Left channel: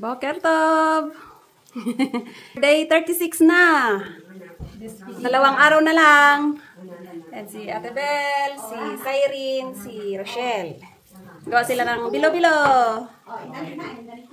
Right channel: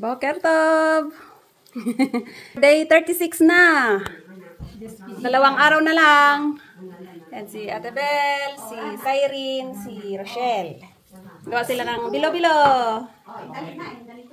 Boker Tov! Day 36 na. 2 araw na lang. Yan si Ate Bel, si Cyrene, si Rochelle. Gawa sila ng bilo-bilo.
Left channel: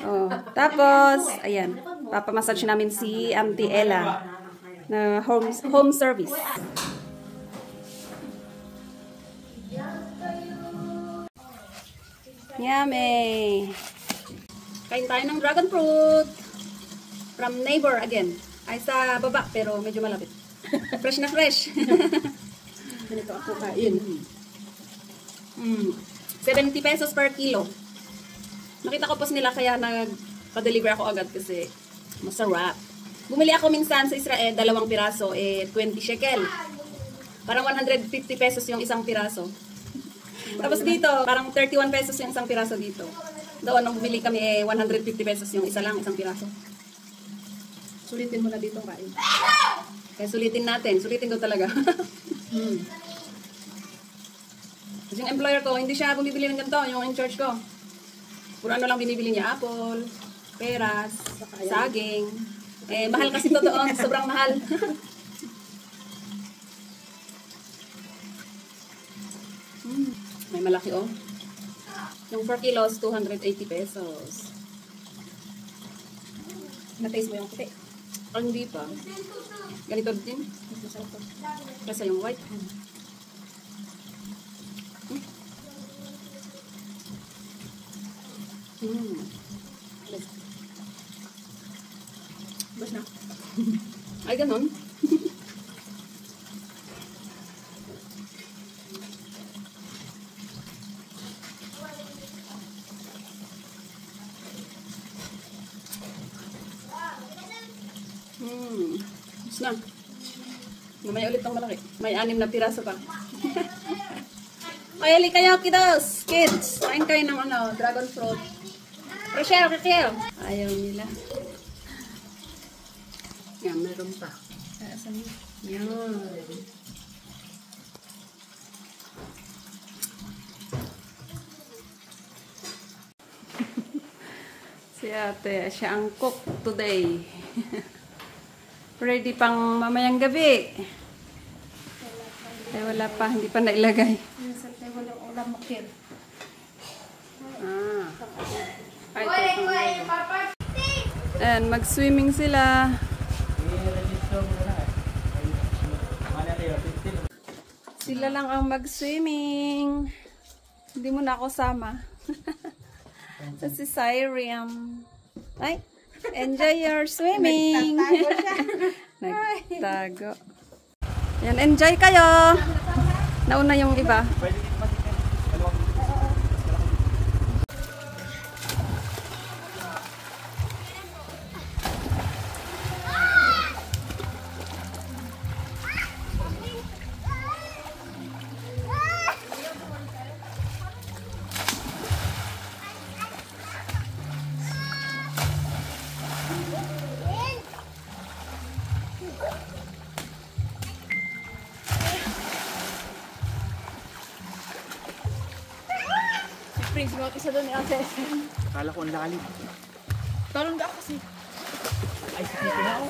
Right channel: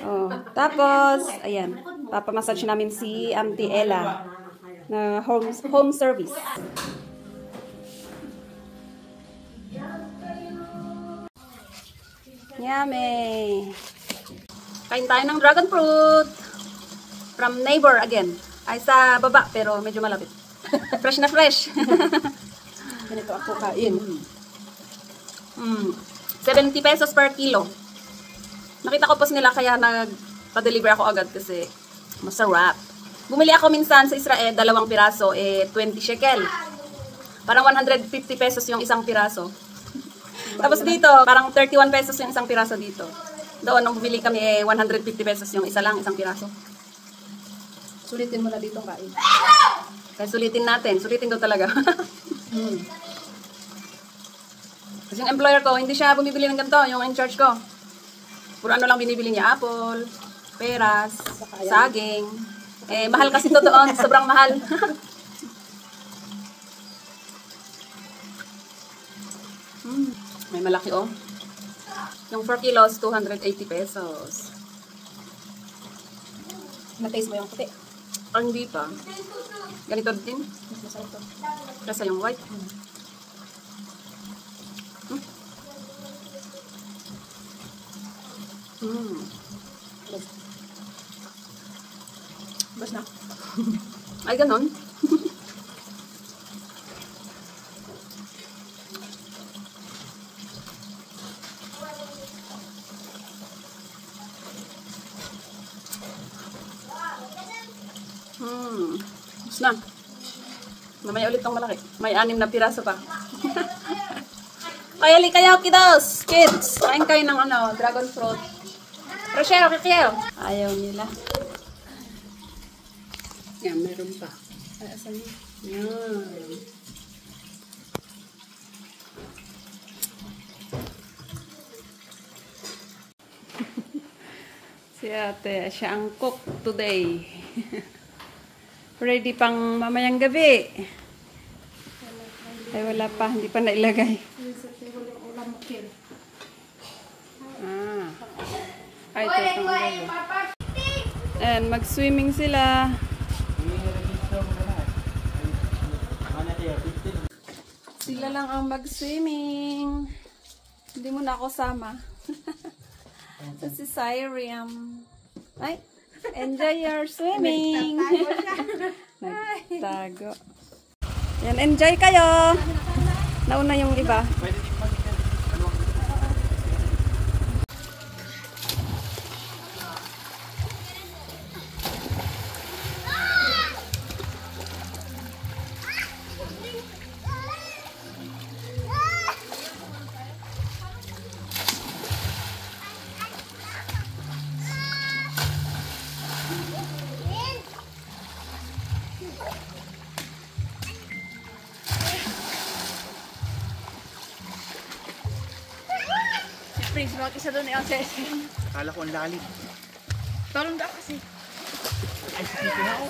Oh, tapos, ayan. Papamassage namin si Auntie Ella na home service. Yummy! Kain tayo ng dragon fruit. From neighbor again. Ay sa baba, pero medyo malapit. Fresh na fresh. Ganito ako kain. 70 pesos per kilo. Nakita ko post nila kaya nagpa-deliver ako agad kasi masarap. Bumili ako minsan sa Israel, 2 piraso, 20 shekel. Parang 150 pesos yung isang piraso. Tapos dito, parang 31 pesos yung isang piraso dito. Doon, nung bumili kami, 150 pesos yung isang piraso. Sulitin mo na dito kain. Kaya sulitin natin. Sulitin daw talaga. Kasi yung employer ko, hindi siya bumibili ng ganito, yung in charge ko. Puro ano lang binibili niya, apple, peras, saging. Mahal kasi to doon. Sobrang mahal. May malaki oh. Yung 4 kilos, 280 pesos. Na-taste mo yung puti. Ang hindi pa. Ganito din. Mas masarap to. Kasi yung white. Bas na. Ay, ganon. Bas na. Mamaya ulit tong malaki. May 6 na piraso pa. Kaya kayo, kiddos, kids. Kain kayo ng dragon fruit. Rochelle, Kikiel. Ayaw nila. Yan, meron pa. Ay, asan yun? Yan. Si ate, siya ang cook today. Ready pang mamayang gabi. Ay, wala pa. Hindi pa nailagay. Ay, ito. And mag-swimming sila. Sila lang ang mag-swimming. Hindi mo na ako sama. Ito si Cyrene. Ay, enjoy your swimming. Nagtago. Yan, enjoy kayo. Nauna yung iba. Prince, mga isa doon ni Ate. Akala ko ang lalim. Talong da kasi. Ay, sakit na ako.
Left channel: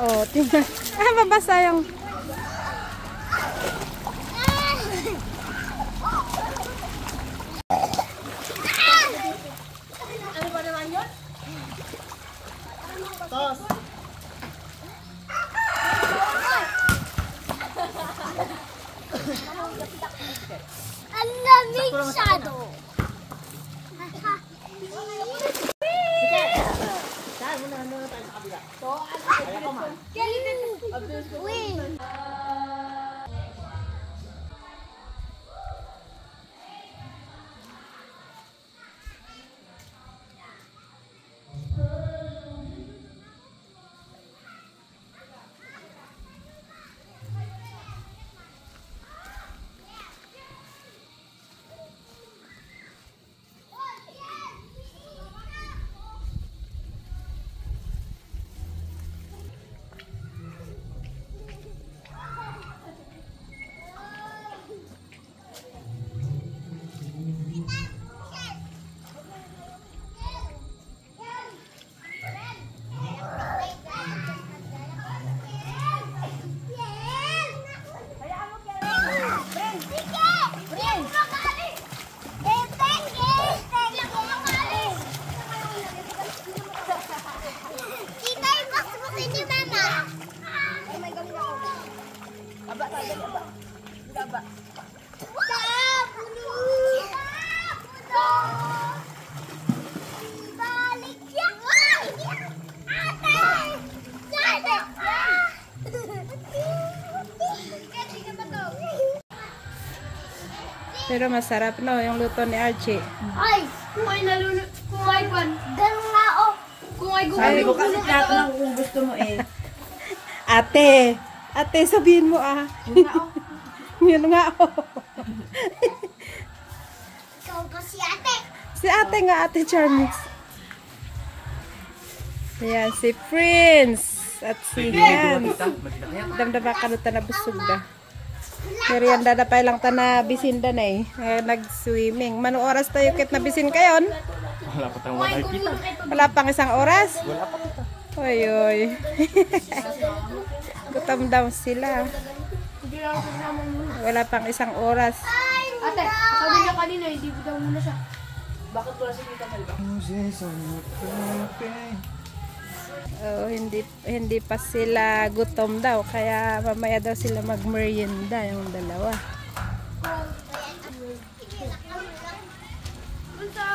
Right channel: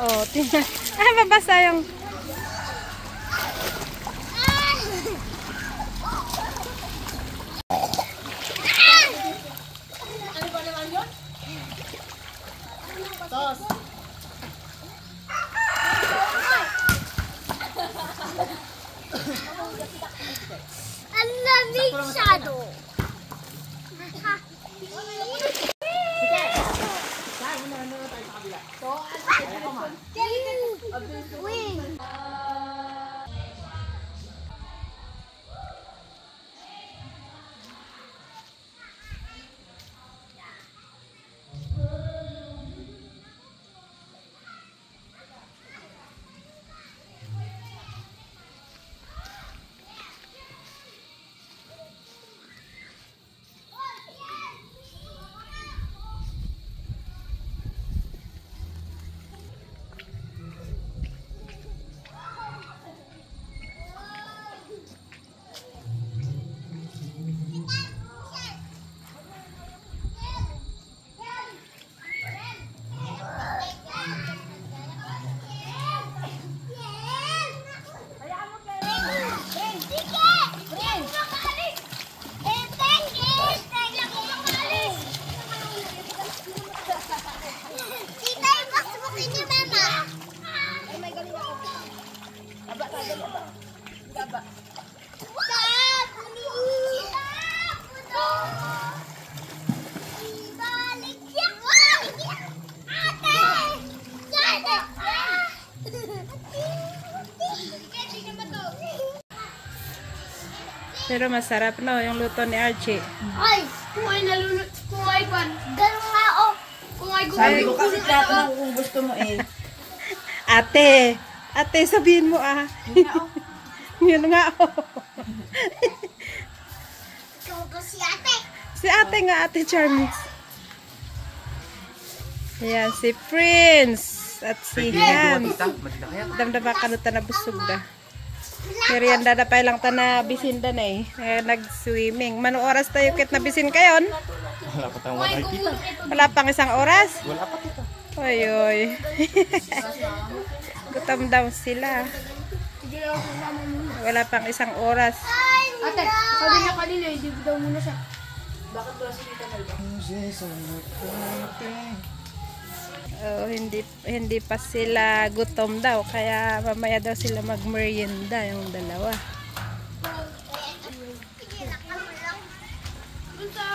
Oh, tingnan. Ah, mabasa yung... Ano ba naman yun? Tos. Ang lamig shadow. Win. Pero masarap no, yung luto ni Archie. Ay, kung ay nalunod, kung ay pan. Ganun nga oh. Kung ay Sabi ko gugulong kasi tinatanong ko kung gusto mo eh. Ate, sabihin mo ah. Yun nga oh. Ikaw ba si ate? Si ate nga, Ate Charmis. Ayan, si Prince. At si Hans. Damdama ka na busog na. Merienda na pa lang ta na bisin da na eh. Nag-swimming. Mano oras tayo kit na bisin kayon? Wala pang isang oras? Oy, oy. Gutom daw sila. Wala pang isang oras. Ate, sabi niyo kanina, hindi daw muna siya. Bakit wala si Tita Melba? Oh, hindi pa sila gutom daw kaya mamaya daw sila magmerienda yung dalawa.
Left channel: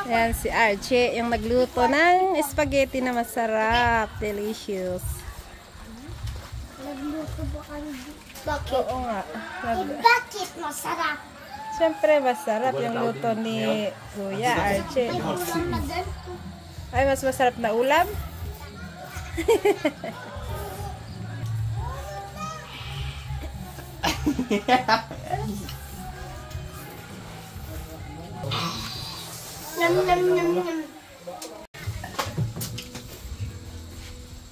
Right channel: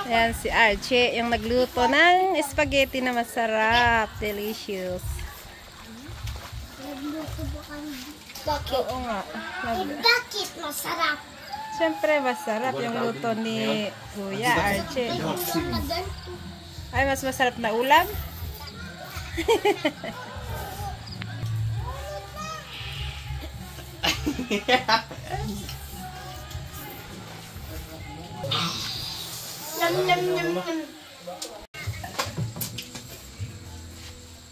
Ayan si Archie yung nagluto ng spaghetti na masarap, delicious. Nagluto ba kami? Bakit? Oo nga. Bakit masarap? Siyempre masarap yung luto ni Kuya Archie. Ay, mas masarap na ulam. Nam nam nam nam.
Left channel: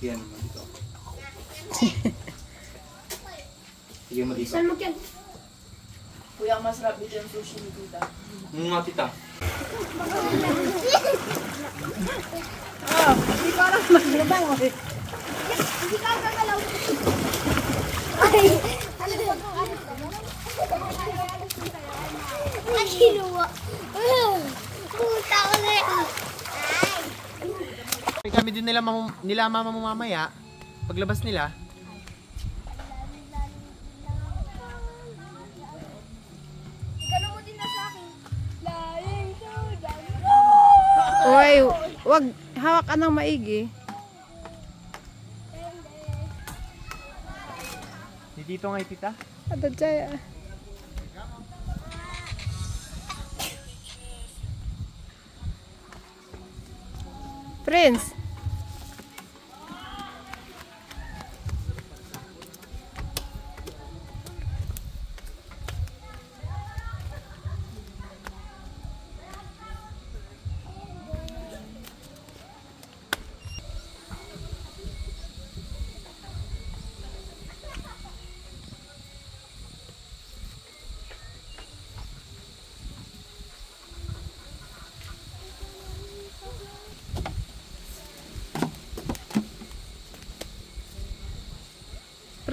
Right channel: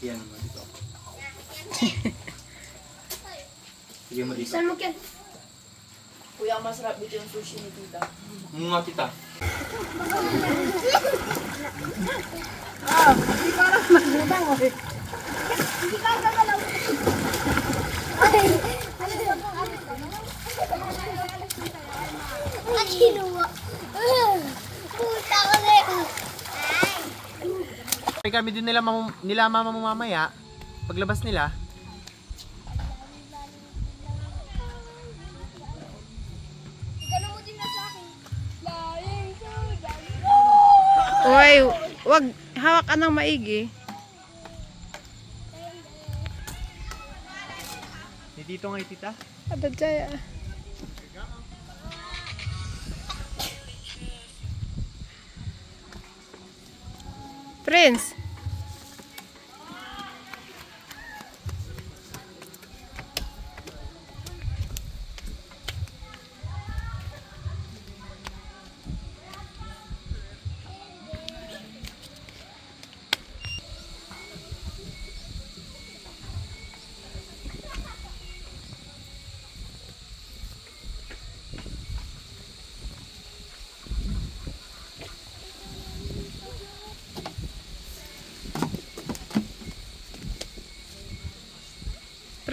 Yan mo dito. Sige mo dito. Saan mo yan? Kuya, ang masarap dito yung sushi ni Tita. Mga tita. Ang kinuha. Puta ko na yun. Kami din nila mamamaya. Paglabas nila. Gano'n mo din na sa akin. Lying to the Uy, wag hawak ka ng maigi. Ni dito nga tita. Ada jaya. Prince.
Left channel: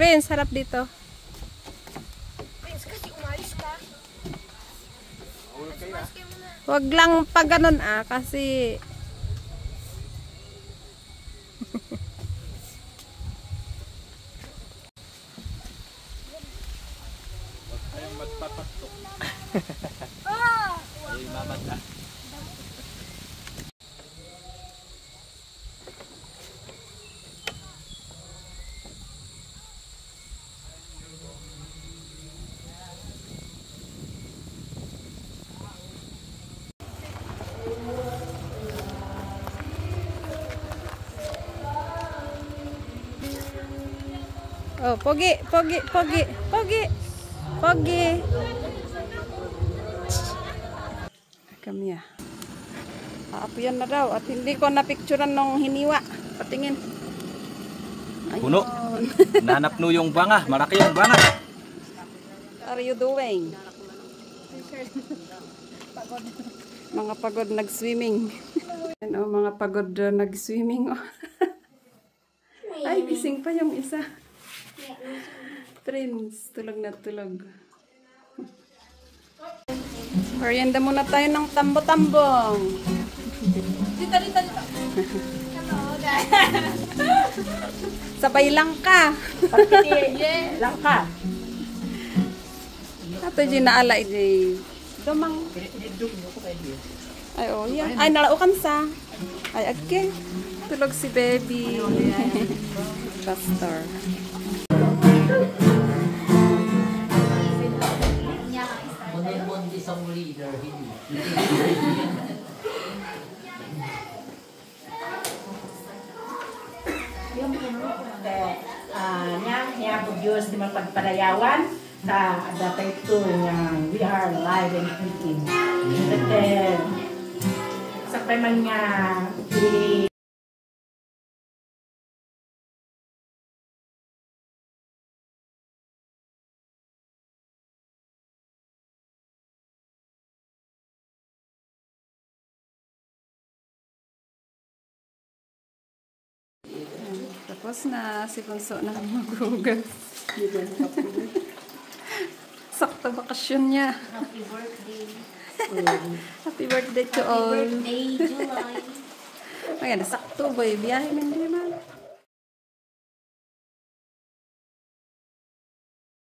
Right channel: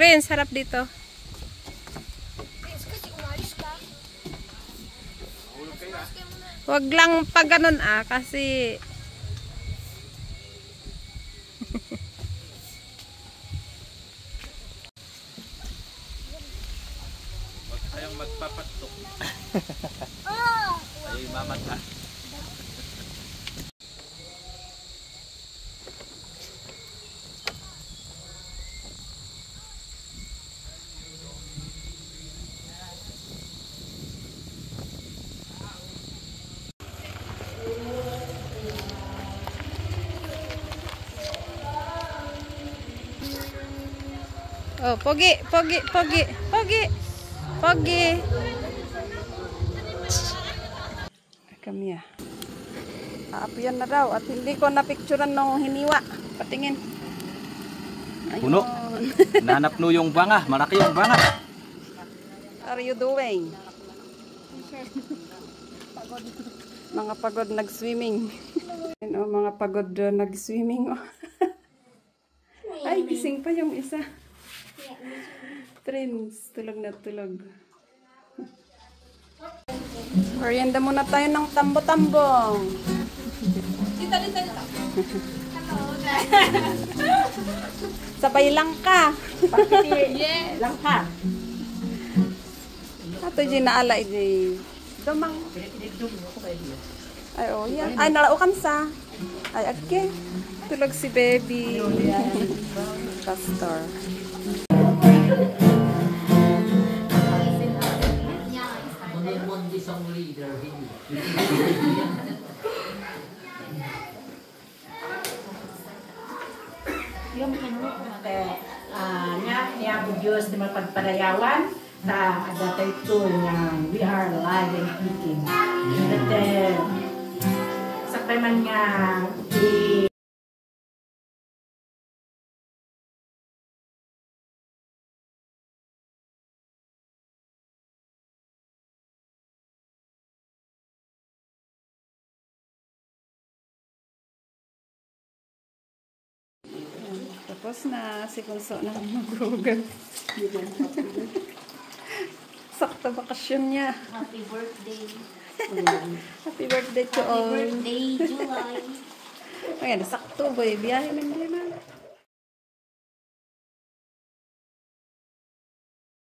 Prince, harap dito. Prince, kasi umalis ka. Huwag lang pag ganun kasi Ayong magpapatok. Ah! Ay, mamata. oh, pogi. Kami aapian na daw at hindi ko napicturean nung hiniwa. Patingin. Ayun. Puno. Nanap no yung banga. Malaki yung banga. What are you doing? Mga pagod nag-swimming. Mga pagod nag-swimming. Ay, gising pa yung isa. Prince, tulog na tulog. Merienda muna tayo ng tambo-tambong. Dito. Sabay lang ka. Yeah, lang ka. Ato di naala di. Domang. Ay oh, yan. Ay nalaukan sa. Ay agke. Tulog si baby. Pastor. Nga po Diyos na magpagpadayawan sa adatay ito we are alive and kicking. But sa man nga Tapos na si Bunso na maghugas. Sakto bakasyon niya. Happy birthday. Happy birthday to all. Birthday, July. Ayan, sakto boy. Biyahe na hindi man.